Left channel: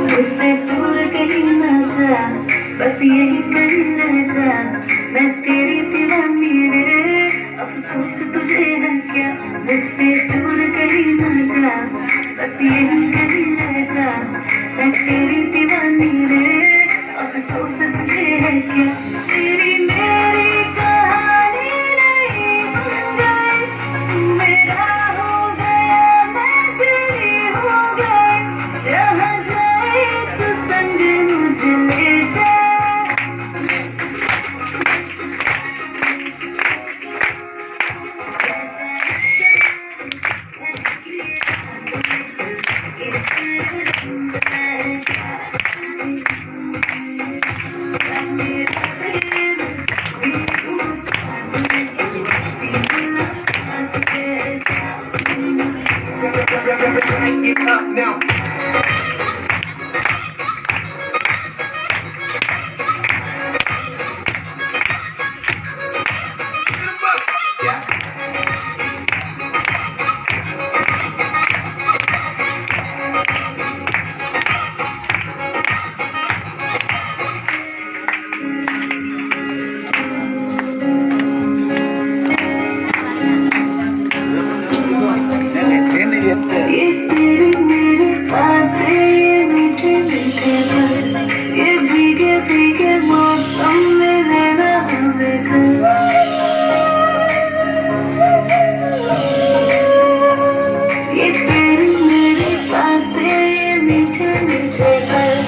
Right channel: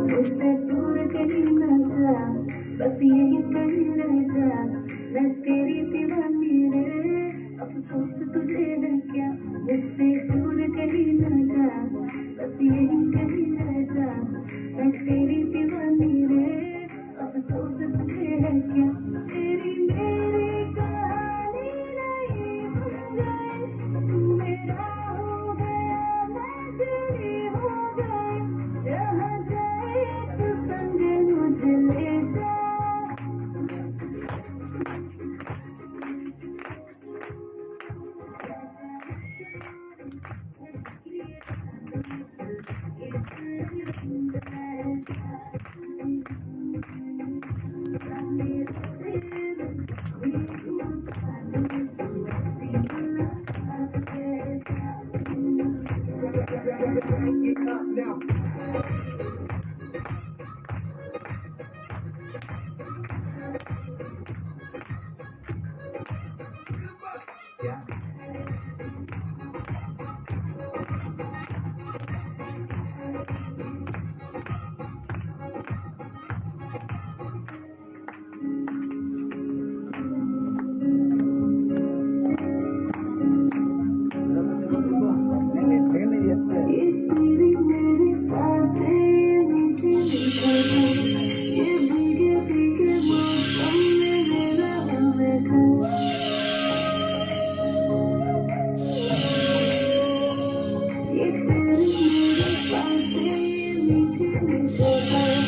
मुझसे दूर कहीं ना जा, बस यही कहीं रह जा। मैं तेरी दीवानी रे, अफसोस तुझे है क्या। मुझसे दूर कहीं ना जा, बस यही कहीं रह जा। मैं तेरी दीवानी रे, अफसोस तुझे है क्या। तेरी मेरी कहानी नहीं बन गई, तू मेरा हो गया, मैं तेरी हो गई। जहाँ जाए तू संग मुझे ले जा। Now. ये तेरी मेरी बातें, ये मीठे मीठे पल, ये भीगे भीगे मौसम में रहना हमें घर। ये तेरी मेरी बातें, ये मीठे मीठे पल,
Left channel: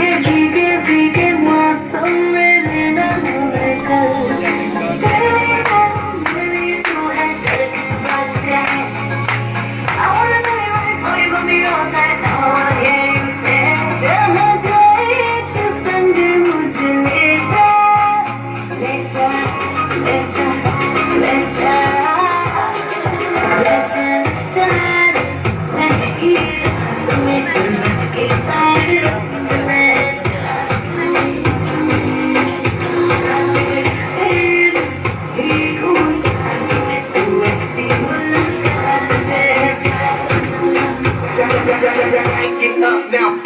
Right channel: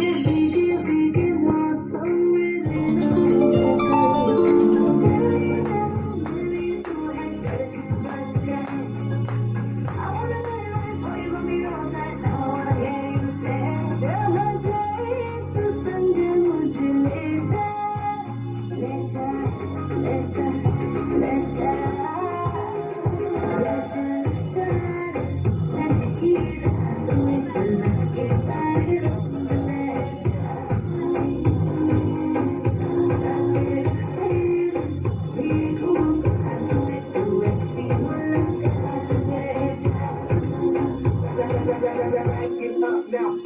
ये भीगे भीगे मौसम में रहना हमें घर। मेरी तू है तेरी बातें। I wanna know you right before you put me on that. I wanna hear you say, जहाँ जाए तू संग मुझे ले जा, ले जा, ले जा, ले जा, ले जा, Get up now.